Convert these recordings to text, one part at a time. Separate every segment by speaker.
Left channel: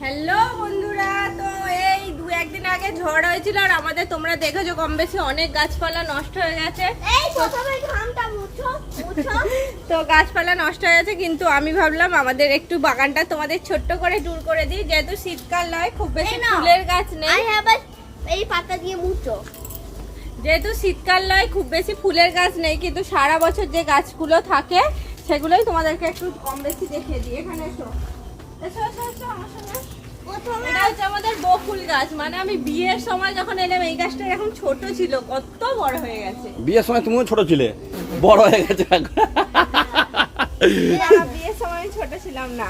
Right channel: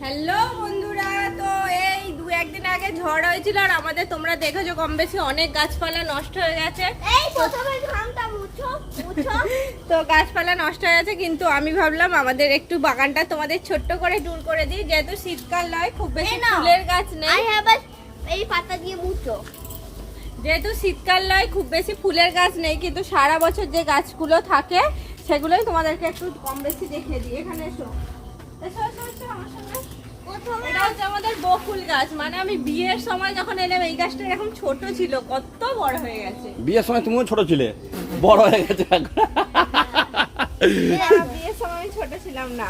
Speaker 1: Hello বন্ধুরা তো এই দু একদিন আগে ঝড় হয়েছিল আর আমাদের তোমরা দেখেছ কম বেশি অনেক গাছপালা নষ্ট হয়ে গেছে। তো গাছপালা নষ্ট হয়ে গেছে কিন্তু আমি ভাবলাম আমাদের একটু বাগানটা তোমাদের ছোট্ট করে ট্যুর করে দিই যেহেতু শীতকাল নয় খুব বেশি ফুলের গাছ নেই।
Speaker 2: হ্যাভ এই পাতা দিয়ে মুছো।
Speaker 1: যেহেতু শীতকাল নয় খুব বেশি ফুলের গাছ নেই কিন্তু সারা বছর যে গাছগুলো থাকে সেগুলোই তোমাদেরকে একটু কম বেশি দেখিয়ে দিই। এখানে এসো। আমাদের বকুল গাছ। মানে আমি বিয়ের সময় যখন এলাম এই গাছটা এরকম ছোট ছিল কত বড় হয়ে গেছে।
Speaker 3: বিয়ের সময় তুমিও ছোট ছিলে? বড় হয়ে গেছে
Speaker 1: বিয়ের সময় আমি ছোট ছিলাম না।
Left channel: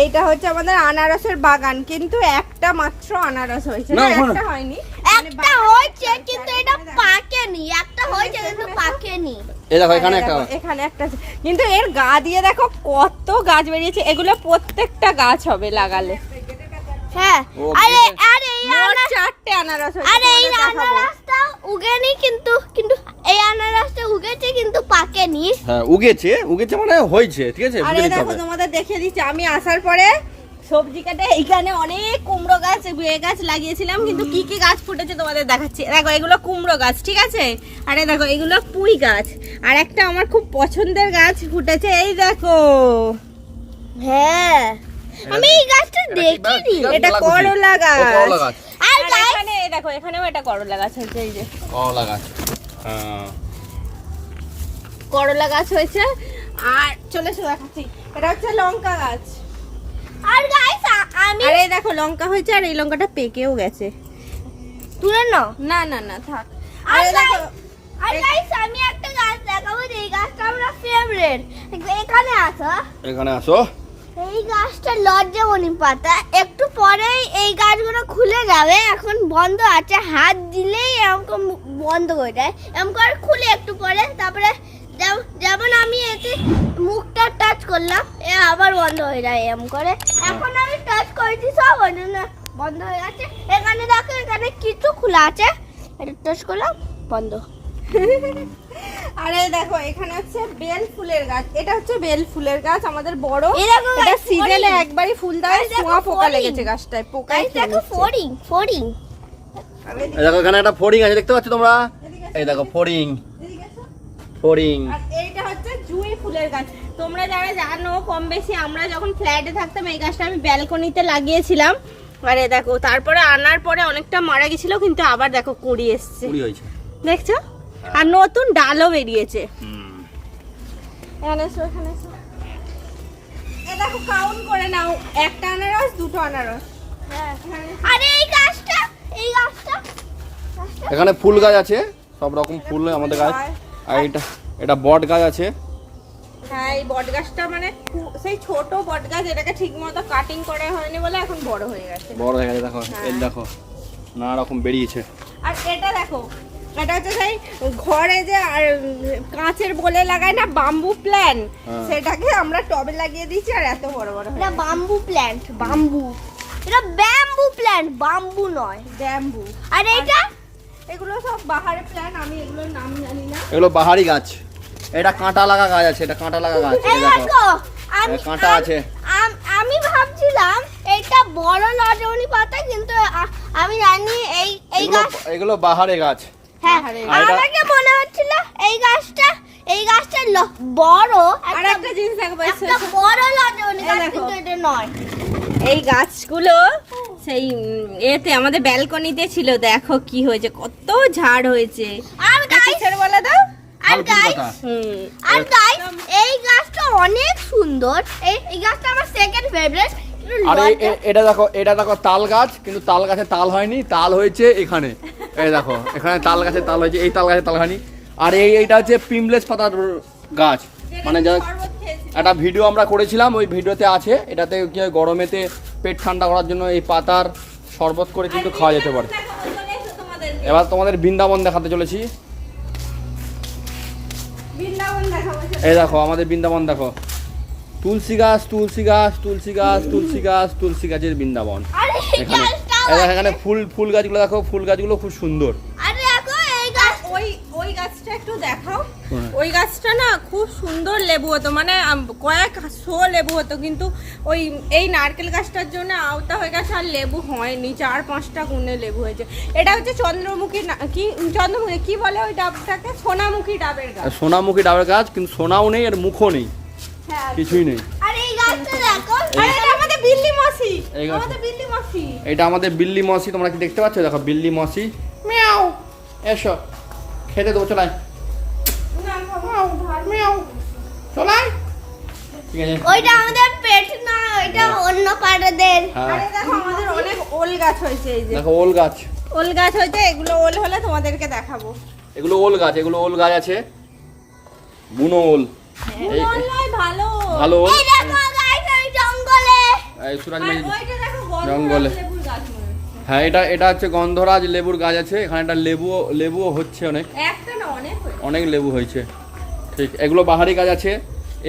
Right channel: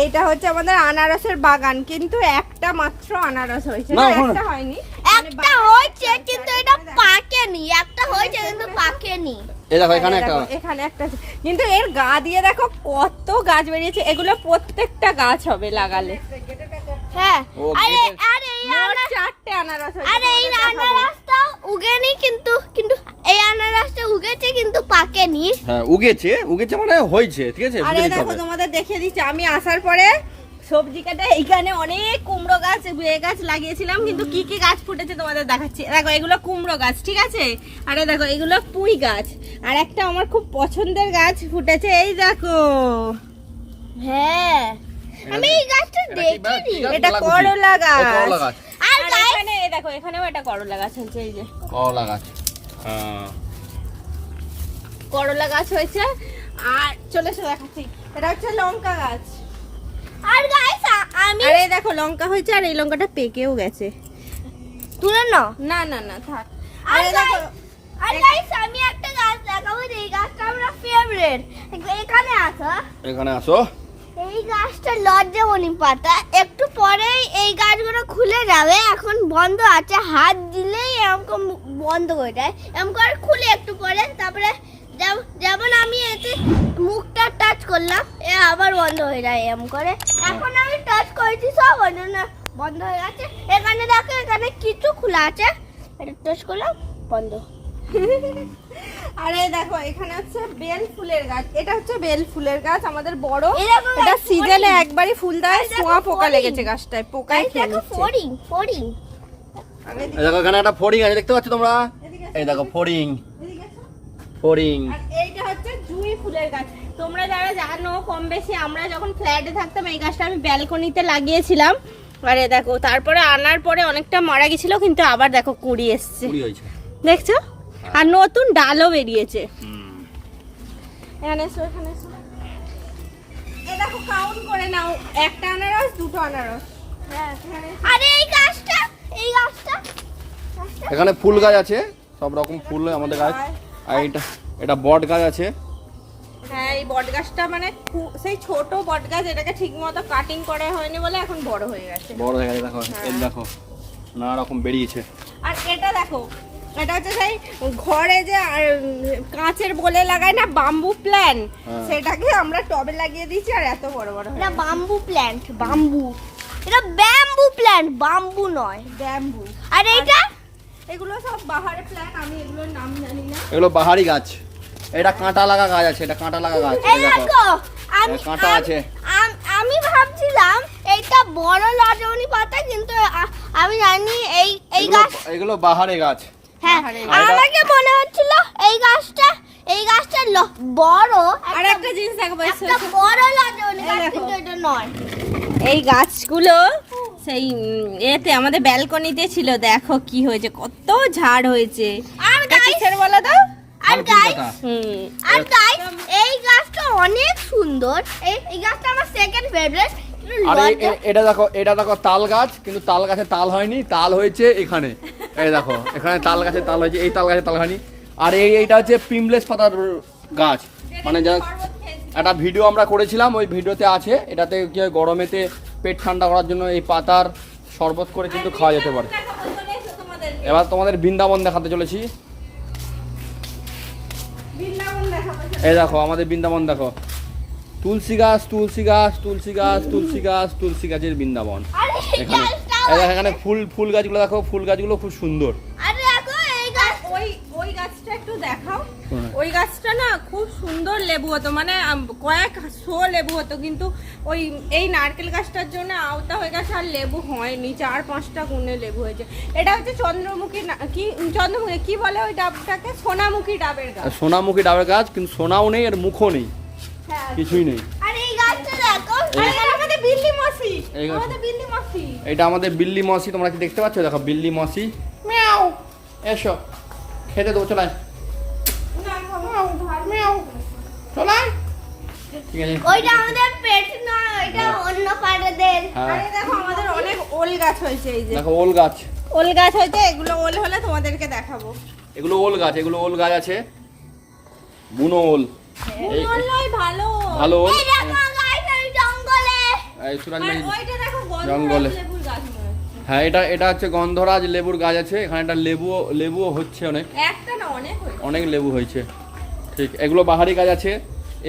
Speaker 1: এইটা হচ্ছে আমাদের আনারসের বাগান কিন্তু একটা মাত্র আনারস হয়েছে। একটা হয়নি।
Speaker 2: একটা হয়েছে কিন্তু এটা পাকেনি একটা হয়েছে কিন্তু পাকেনি।
Speaker 3: এই দেখো এখানে একটা
Speaker 1: এখানে একটা কিন্তু এর গা দিয়ে দেখো কত গাছ বেরিয়েছে এগুলো প্রত্যেকটা গাছ হবে লাগালে।
Speaker 2: হ্যাঁ আরে আরে
Speaker 1: চারটে আনারস
Speaker 2: আরে এই আনারসটা উগেনি কিন্তু কিন্তু এই আনারসটা উগেছে কিন্তু পাকেনি।
Speaker 3: হ্যাঁ উগেছে উগেছে মানে হয়েছে ঠিক আছে?
Speaker 1: আরে দেখো তোমাদের দেখিয়ে দিচ্ছি আমি আসার পরে সবজি কাটে। এইখানে অনেক কুমড়ো গাছ এ গাছ লাগিয়েছিলাম কিন্তু কি কি গাছ ফুটেছে তোমাদের দেখাচ্ছি। দেখো এগুলো কুমড়ো গাছ ঠিক আছে? আরে দেখো এগুলো পুঁই গাছ। আর একটা আমার খুব পছন্দের গাছ ফুটেছে এই দেখো।
Speaker 2: হ্যাঁ। আমি এই গাছটা দেখিনি
Speaker 1: এটা করলা গাছ
Speaker 3: ও, করলা গাছ।
Speaker 2: আর
Speaker 1: আর এখানে দেখো এখানেও এটা করলা গাছ হয়েছে এই যে।
Speaker 3: করলা গাছ। হ্যাঁ।
Speaker 1: করলা গাছ হয়েছে। আর চলে এসে দেখাচ্ছি। এটা হচ্ছে লঙ্কা গাছ।
Speaker 2: আর গাইস আমি
Speaker 1: আর এই দেখো লঙ্কা হয়েছে আর এই লঙ্কাটা পেকেও গেছে।
Speaker 2: তুলে নাও
Speaker 1: না না না থাক।
Speaker 2: আর
Speaker 1: দেখো
Speaker 2: আর গাইস আমি একটা গাছ দেখাবো এই গাছটা আমরা ফেভারিট এখানে আসো
Speaker 3: এখানে আসো
Speaker 2: এই গাছটা লজ্জামণি পাতা। একটু পরেই এই গাছগুলো খুলে যাবে। এখন বন্ধ আছে হাত দিলেই এরকম বন্ধ হয়ে যায়। এরকম করে খুলে একটু পরে তারপরে যেম- যেমন আমি এতে মুখটা টাচ করলাম এ আবার বন্ধ হয়ে যায় এম করে। এখন আমি টাচ করেছি সব ওই জন্য বন্ধ হয়ে গেছে। এখানে দেখো এখানে কিছু খোলা আছে। এটা টাচ করলাম বন্ধ।
Speaker 1: আরে দেখো এখানে হচ্ছে বেল ফুলের গাছ। এটা হচ্ছে বেল ফুলের গাছ আমাদের বড়। এটা সিজনে একবারই ফুল দেয়
Speaker 2: এই
Speaker 1: পোকা পোকা লেগেছে গাছটায় পোকাই
Speaker 2: গাইস দেখো
Speaker 1: এদিকে-
Speaker 3: এই দেখো এখানে একটা ফড়িং আছে দেখতে পাচ্ছ তোমরা? এই দেখো
Speaker 1: এসো। আর এইটা হচ্ছে জুঁই ফুলের গাছ তোমরা যারা জানো কম বেশি আমরা যখন ফ্ল্যাটে থাকতাম এই গাছটা আমি ব্যালকনিতে লাগিয়েছিলাম। আরে দেখো তারপরে আনার পরে অনেকটা মারা গেছিল কিন্তু আবার দেখো কুড়ি এসছে। দেখছ? আর নতুন ডালও বেরিয়েছে। দেখো কাউন্ট করে নাও। একটা আনারস দুটো আনারস। হ্যাঁ এখানে
Speaker 2: আরে এই গাছটা এই গাছটা
Speaker 3: এখানে ফুল গাছ আছে সব রকম ফুল আমাদের গাছ। আর এটা এটা বট গাছ আছে।
Speaker 1: হ্যাঁ এই বট গাছটা মানে সেই ছোট বট গাছ এটাকে ঠিক মতো কাটিং করা হয়নি বলে এখন বড় হয়ে গেছে।
Speaker 3: বড় হয়ে গেছে দেখো এই দেখো নানা রকম বেরিয়েছে।
Speaker 1: আর এটা দেখো এটা হচ্ছে সেই ঘরে যে আর কাঁচের বলে লাগায় না বাম্বু প্ল্যান
Speaker 3: হ্যাঁ।
Speaker 1: সেটাকে আমরা টবে লাগিয়ে দিয়েছি আর এত বড় বড়
Speaker 2: এটা বাম্বু প্ল্যান্ট বাম্বু এটা ব্যাম্বু প্ল্যান্ট বাম্বু নয়
Speaker 1: ব্যাম্বু
Speaker 2: আর এইটা?
Speaker 1: এগুলো সব বাহারের প্ল্যান আমি এগুলোর নাম জানি না।
Speaker 3: এগুলো বাহারি গাছ। এটা কাঁটা লাগা গাছ আছে এটা কাঁটা লাগা গাছ
Speaker 2: এই
Speaker 3: এই দেখো। কাঁটা আছে।
Speaker 2: আমি ভাবছিলাম এটা বড় লাজমনি পাতা কিন্তু আমি জানি এই এই গাছ
Speaker 3: এগুলো বাহারে গাছ।
Speaker 2: হ্যাঁ। আমাকে মনে হচ্ছিল এই গাছটা এই গাছটা বড়
Speaker 1: আর
Speaker 2: একটা
Speaker 1: জিনিস দেখো
Speaker 2: একটা বড় লাজমনি
Speaker 1: এই
Speaker 2: গাছ কিন্তু এটা নয়।
Speaker 1: এই গাছগুলো সেই এতে আমাদের ব্যালকনিতে ছিল দেখো কি হয়েছে কত ঝাড় হয়েছে।
Speaker 2: আর গাইস
Speaker 1: বলো তো
Speaker 2: আর গাইস আর গাইস এই গাছটা অনেক সুন্দর। এই গাছটা আমার সেকেন্ড ফেভারিট
Speaker 3: আর এটা দেখো এটা দেখো তাল গাছ কিন্তু তাল গাছে তাল হয়নি তাল হয়েছে এখানে। এই দেখো এখানে তাল গাছে তাল হয়েছে এই তাল গাছে তাল হয়নি। আর এই এইটা হচ্ছে পিমলেস পাতার গাছ। মানে যা একটা ভিডিও আমরা করেছিলাম ওই ভিডিওতে আছে। এটাতে কি হয় গরমেতে পেট ঠান্ডা করার জন্য এই পাতার শরবত করে কিন্তু খাওয়া যেতে পারে। এবার তোমাদের বৃন্দাবন দেখাতে চলেছি। এই দেখো আমাদের বৃন্দাবন দেখো। তুলসী গাছ তুলসী গাছ তুলসী গাছ তুলসী গাছ তুলসী গাছের বৃন্দাবন। এখানে
Speaker 2: গাছটা
Speaker 3: এই দেখো এখানে ফুল ফুল গাছগুলো দেখো ফুল গাছগুলো খুব সুন্দর।
Speaker 1: ওই গাছটা না খুব সুন্দর লেবু হতো মানে কয়েক শো লেবু হতো কিন্তু ওই এই নারকেল গাছটার জন্য আওতা হয়ে গেছে আর লেবু হয়নি চার পাঁচটা গুণে লেবু হয়েছে। এটা হচ্ছে চন্দ্রমুখী না- কি চন্দ্রমুখী কি বলে ওই ডাবটাকে? সোনামুখী ডাবের গাছ।
Speaker 3: সোনামুখী ডাবের গাছ কিন্তু সোনাও নেই আর মুখও নেই।
Speaker 1: হ্যাঁ।
Speaker 3: কিছুই নেই।
Speaker 2: আর এই গাছটা দেখো।
Speaker 1: এটা আমাদের বিল্লি মাসি।
Speaker 3: এই গাছ।
Speaker 1: বিল্লি মাসি।
Speaker 3: এটা আমাদের বিল্লি মসি তোমরা কি দেখতে পাচ্ছ? দেখো বিল্লি মসি। মিয়াও। এসো। খেতে দেবো চলাই চলাই ঠিক আছে?
Speaker 2: ওইটা আমাদের পেট না ওইটা
Speaker 3: হ্যাঁ।
Speaker 2: অন্য পাড়াদের।
Speaker 3: হ্যাঁ।
Speaker 1: আরে দেখো আমাদের অনেক ওল গাছ হয়েছে এই যে।
Speaker 3: দেখো ওল গাছ।
Speaker 1: ওল গাছ হয়েছে এগুলো ওল হলে তোমাদেরকে দেখাবো।
Speaker 3: এগুলো ওল গাছ এগুলো ওল গাছ আছে। বুনো ওল। এই
Speaker 1: ওল ভালো
Speaker 3: ভালো ওল?
Speaker 2: এই দেখো গাইস ওই জঙ্গলে।
Speaker 3: হ্যাঁ। এটা এটা হচ্ছে গন্ধরাজ লেবুর গাছ আছে। এখানে একটা লেবু লেবুও হচ্ছে অনেক।
Speaker 1: একটা না অনেক
Speaker 3: অনেক লেবু হয়েছে। ঠিক এগুলো বাহারি গাছ আছে।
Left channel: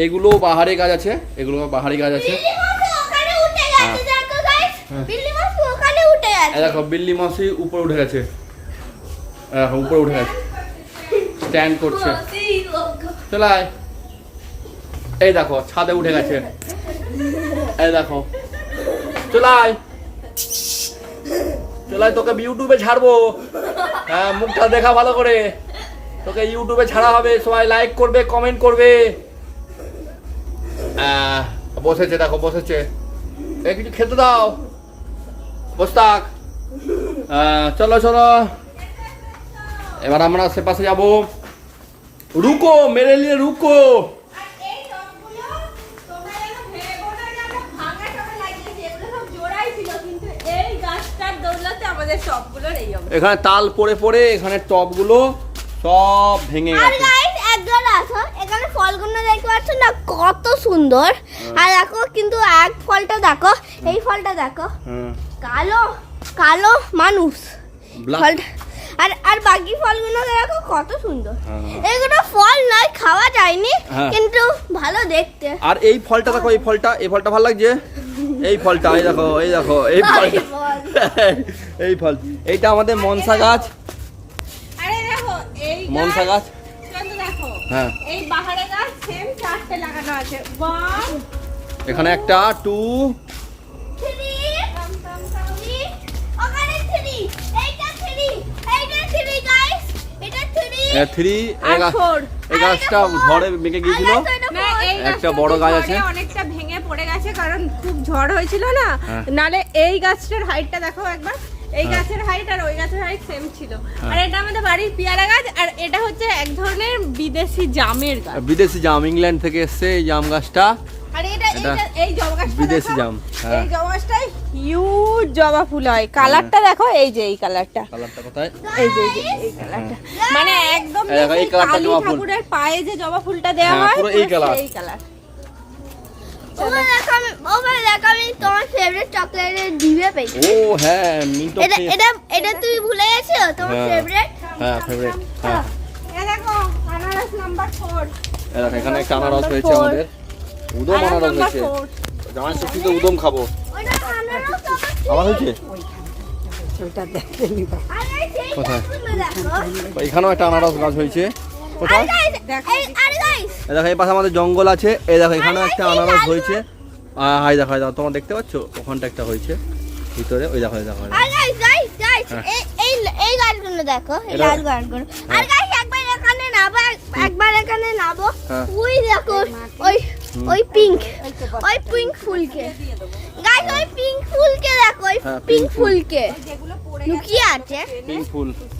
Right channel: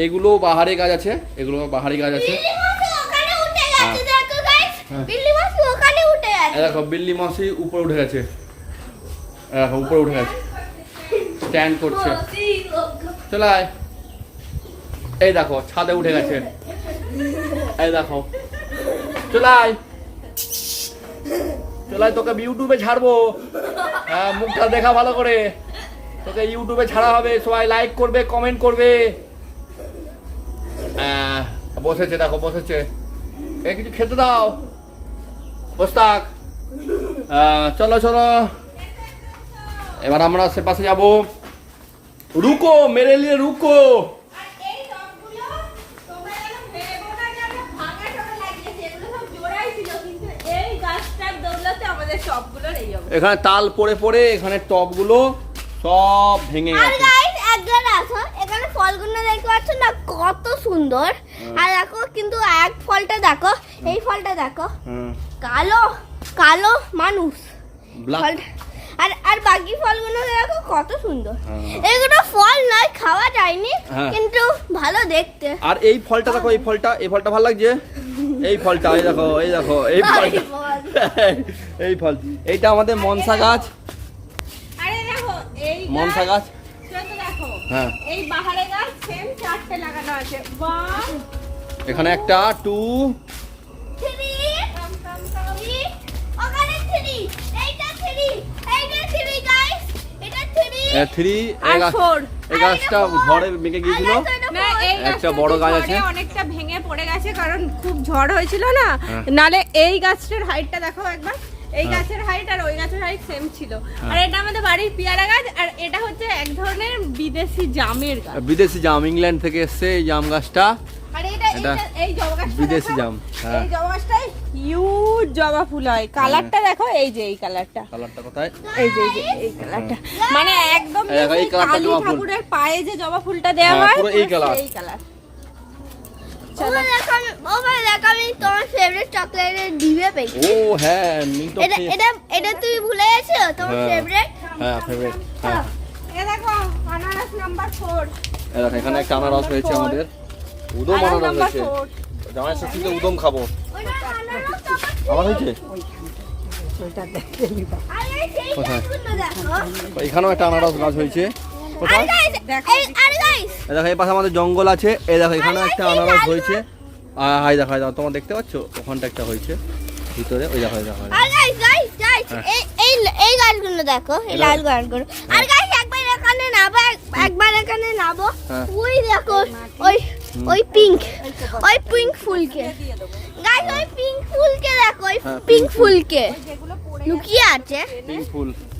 Speaker 3: এগুলো বাহারি গাছ আছে এগুলো বাহারি গাছ আছে।
Speaker 2: বিল্লি মাছ ওখানে উঠে গেছে
Speaker 3: হ্যাঁ।
Speaker 2: দেখো
Speaker 3: হ্যাঁ।
Speaker 2: বিল্লি
Speaker 3: দেখো বিল্লি মাসি উপরে উঠে গেছে। দেখো উপরে উঠে গেছে। স্ট্যান্ড করছে। চলাই এই দেখো ছাদে উঠে গেছে। এই দেখো। চলাই চলাই তোকে ইউটিউবে ছাড়বো। হ্যাঁ মুখটা দেখা ভালো করে। তোকে ইউটিউবে ছাড়া হবে। সবাই লাইক করবে কমেন্ট করবে। বসেছে দেখো বসেছে এ কিছু খেতে দাও। বস থাক। চলো চলো। এবার আমরা সে পাশে যাব। রুকো মেরে লিয়ে রুকো। এখানে তাল পড়ে পড়ে এখানে টপগুলো সব ভেঙে গেছে
Speaker 2: গাইস একবার আসো এখানে ফলগুলো দেখতে পাচ্ছ না কত সুন্দর। আর দেখো কিন্তু এক ফলটা দেখো এই ফলটা দেখো।
Speaker 3: হ্যাঁ।
Speaker 2: কালো কালো মানুষ। আর আর বাকি ফলগুলো দেখো কত সুন্দর।
Speaker 3: হ্যাঁ।
Speaker 2: এগুলো ফল নয় খাওয়া যায়নি
Speaker 3: হ্যাঁ।
Speaker 2: কিন্তু ভালো দেখতে।
Speaker 3: আর এই ফলটা দেখো এই ফলটা এই ফলটা ভালো লাগছে? এই ফলটা এই দেখো এই দেখো এই ফলটা। এই ফল। এইটা আমাদের মনসা গাছ।
Speaker 1: আরে দেখো, এই
Speaker 3: মনসা
Speaker 1: গাছ,
Speaker 3: হ্যাঁ।
Speaker 1: এই বাহারে গাছ চারটে লাগানো আছে। ওয়ান
Speaker 3: এখানে একটা টু
Speaker 2: থ্রি ওখানে থ্রি এইটা থ্রি এইটা থ্রি গাইস এটা থ্রি
Speaker 3: থ্রি
Speaker 1: আর
Speaker 3: এই গাছটা ঝড়ে ভেঙে গিয়েছিল। একটা বড় গাছ আছে।
Speaker 1: অনেকটা ভেঙে পড়ে গেছে কারণ খুব ঝড় হয়েছিল না?
Speaker 3: হ্যাঁ।
Speaker 1: নালে এই গাছটার হাইটটা দেখো একবার। এই
Speaker 3: হ্যাঁ।
Speaker 1: গাছের হাইট আর ওই গাছের হাইট সেম ছিল
Speaker 3: হ্যাঁ।
Speaker 1: আর এটা আমাদের বাড়ির পেয়ারা গাছ আর এটা হচ্ছে এক ধরনের বিদেশি জামের গাছ
Speaker 3: বিদেশি জাম ইংল্যান্ড থেকে এসছে এই জাম গাছটা
Speaker 1: আর এটা এই জবা গাছটা
Speaker 3: বিদেশি জাম, হ্যাঁ।
Speaker 1: এই জবা গাছটায় হিউজ জবা ফুল হয় কালারটা দেখো এই যে এই কালারটা
Speaker 3: কালারটা কোথায়
Speaker 1: এই যে এই কালারটা মানে একদম
Speaker 3: এই কালারটা জবা ফুল।
Speaker 1: ঠাকুরের পায়ে যে জবা ফুলটা দেওয়া
Speaker 3: হ্যাঁ,
Speaker 1: হয়
Speaker 3: পুরো এই কালার।
Speaker 1: এই কালার
Speaker 3: ও হ্যাঁ
Speaker 2: এটা এটা এটা তুমি ভুলে গেছো? তোমার
Speaker 3: হ্যাঁ।
Speaker 2: ফেভারিট
Speaker 3: হ্যাঁ ফেভারিট হ্যাঁ।
Speaker 1: এ দেখো আনারস নাম্বার ফোর
Speaker 3: এই দেখো এখানে একটা আনারস হয়েছে আমাদের। উদম আনারস হয়েছে জামাই ষষ্ঠীতে উদম খাব। আবার হয়েছে? কোথায়? এখানেও একটা আনারস গাছ হয়েছে। কোথায় দেখো। এই পাশে আমাদের জঙ্গল আছে। এই দেখো এখানে একটা আনারস হয়েছে। হাই দেখো দেখো তোমার দেখতে পাচ্ছ? ওখানটা একটা হয়েছে। ভিতরে ওই দেখো দেখো দেখো।
Speaker 2: এই গাছগুলো দেখো এই
Speaker 3: এটা-
Speaker 2: লাল গাছগুলো আর গাছ একবার এখানে নাবো এক- একবার এখানে নাবো। ওই দেখো ওই ওই পিঙ্ক ওই পিঙ্ক ফুলকে। গাছ ওই পিঙ্ক ফুলকে দেখো ওই
Speaker 3: হ্যাঁ, pink
Speaker 2: পিঙ্ক ফুলকে। লুকিয়ে আছে।
Speaker 3: পিঙ্ক ফুল।
Speaker 2: লুকিয়ে আছে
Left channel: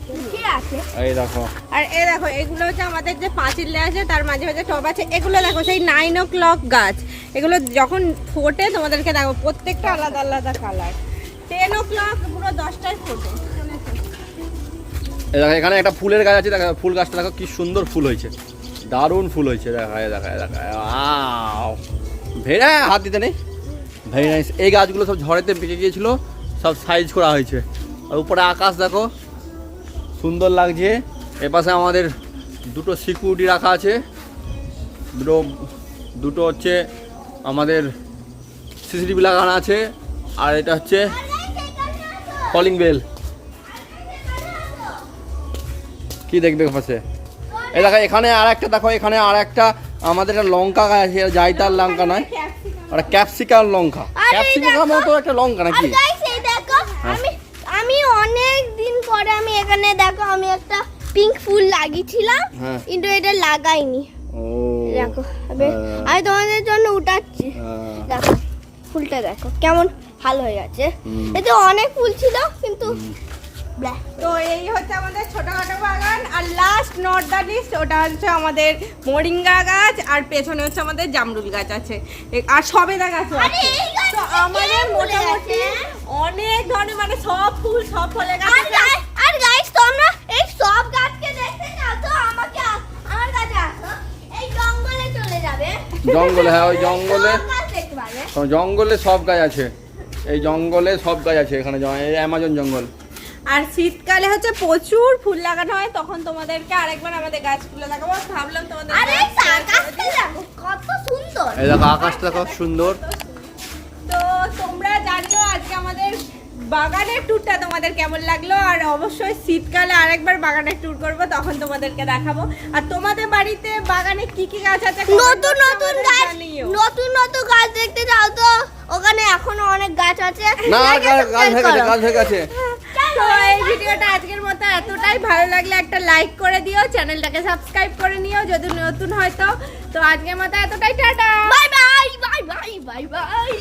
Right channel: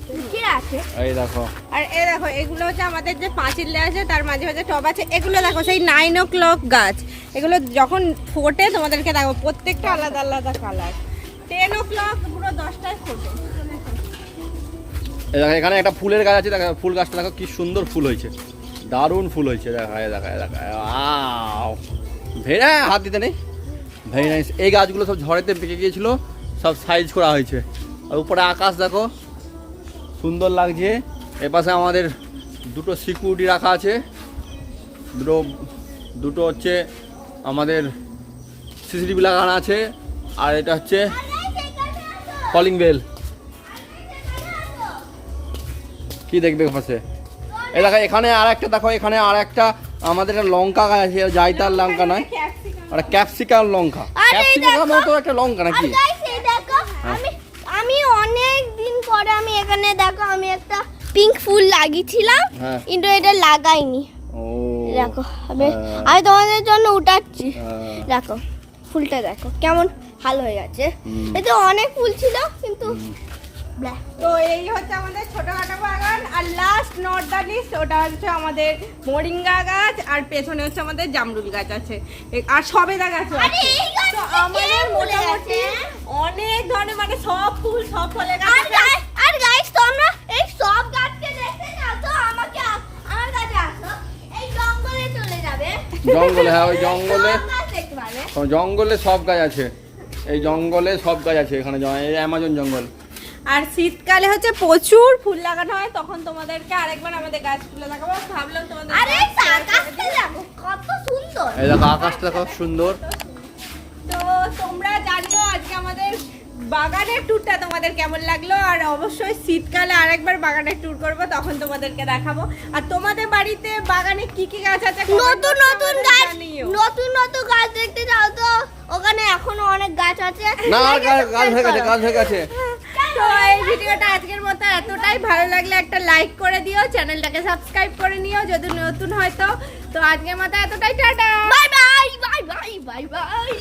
Speaker 3: এই দেখো।
Speaker 1: আর এ দেখো এগুলো হচ্ছে আমাদের যে পাঁচিল দেওয়া আছে তার মাঝে মাঝে টব আছে। এগুলো দেখো সেই নাইন ও ক্লক গাছ। এগুলো যখন ফোটে তোমাদেরকে দেখো প্রত্যেকটা আলাদা আলাদা কালার টেন ও ক্লক পুরো দশটায় ফোটে।
Speaker 3: দেখো এখানে একটা ফুলের গাছ আছে দেখো ফুল গাছটা দেখো কি সুন্দর ফুল হয়েছে। দারুণ ফুল হয়েছে দেখা দেখা দেখা ভেড়া হাত দিতে নেই? ভেরি নাইস এই গাছগুলো সব ঝড়েতে পেকে গিয়েছিল সব সাইজ করা হয়েছে। আর উপরে আকাশ দেখো সুন্দর লাগছে। এ পাশে আমাদের দুটো সিকিউরিটি রাখা আছে। দুটো দুটো হচ্ছে আমাদের সিসিটিভি লাগানো আছে। আর এটা হচ্ছে কলিং বেল কি দেখবে পাশে? এই দেখো এখানে আর একটা দেখো এখানে আর একটা আমাদের একটা লঙ্কা আছে জাইতার লঙ্কা নয়। আর ক্যাপসিকাম লঙ্কা। ক্যাপসিকাম মতো একটা লঙ্কা নাকি?
Speaker 2: এখানে দেখো আমি একটা পিঙ্ক ফুল লাগিয়েছিলাম।
Speaker 3: হ্যাঁ।
Speaker 2: কিন্তু এটা লাগাইনি। দেখো আমি
Speaker 3: হ্যাঁ।
Speaker 2: আমি তোমাদের জন্য উঠাচ্ছি।
Speaker 3: হ্যাঁ।
Speaker 2: দেখো ফুলটা দেখো কেমন ভালো হয়ে গেছে। এতে অনেক ফুল ছিল কিন্তু
Speaker 1: তো এই হচ্ছে আমাদের ছোটখাটো বাগান আর লাস্ট নট দ্য লিস্ট ওটা হচ্ছে আমাদের মরিঙ্গা গাছ আর পেছনে হচ্ছে আমাদের জামরুল গাছ আছে। আর সবেদা গাছও আছে। তো আমাদের মোটামুটি অনেক ধরনের মানে সব ফুল সব ফলের গাছ
Speaker 2: আর গাইস তোমরা এই সব গাছকে দেখতে না তো আমাকে আমার কাছে আসো। এই জঙ্গলে চলে যাবে।
Speaker 3: জঙ্গলে হ্যাঁ ওই জঙ্গলে। জঙ্গলে সব গাছ আছে। এই জঙ্গলে সব গাছ আছে এখানে অ্যামাজন জঙ্গল।
Speaker 1: আর শীতকালে হচ্ছে প্রচুর ফুল লাগানো হয় তখন তোমাদেরকে আরেকবার আমাদের গাছগুলো দেখাবো। ভাবলাম তোমাদের
Speaker 2: আরে আকাশটা দেখো কত সুন্দর।
Speaker 3: এই দেখো আকাশটা খুব সুন্দর।
Speaker 1: তো তোমরা জানিও আজকে আমাদের বাগানের ট্যুরটা তোমাদের কেমন লাগল? আর অবশ্যই শীতকালে আরেকবার বাগানের ট্যুর করব তখন তোমাদেরকে দেখাবো। আর তোমাদের বাড়িতে বাগানে কি কি গাছ আছে
Speaker 2: নতুন নতুন গাছ নতুন নতুন গাছ দেখতে যাও তো। ওখানে এখনও অনেক গাছ আছে।
Speaker 3: না গাছ হয়ে গেছে গাছ হয়ে গেছে
Speaker 1: তো এই ভিডিওটা আজকের মতো এতটাই। ভালো লাগলে একটা লাইক করে দিও চ্যানেলটাকে সাবস্ক্রাইব করে নিও যদি নতুন হয়তো তো। আজকের মতো এতটাই tata!
Speaker 2: Bye bye bye bye bye bye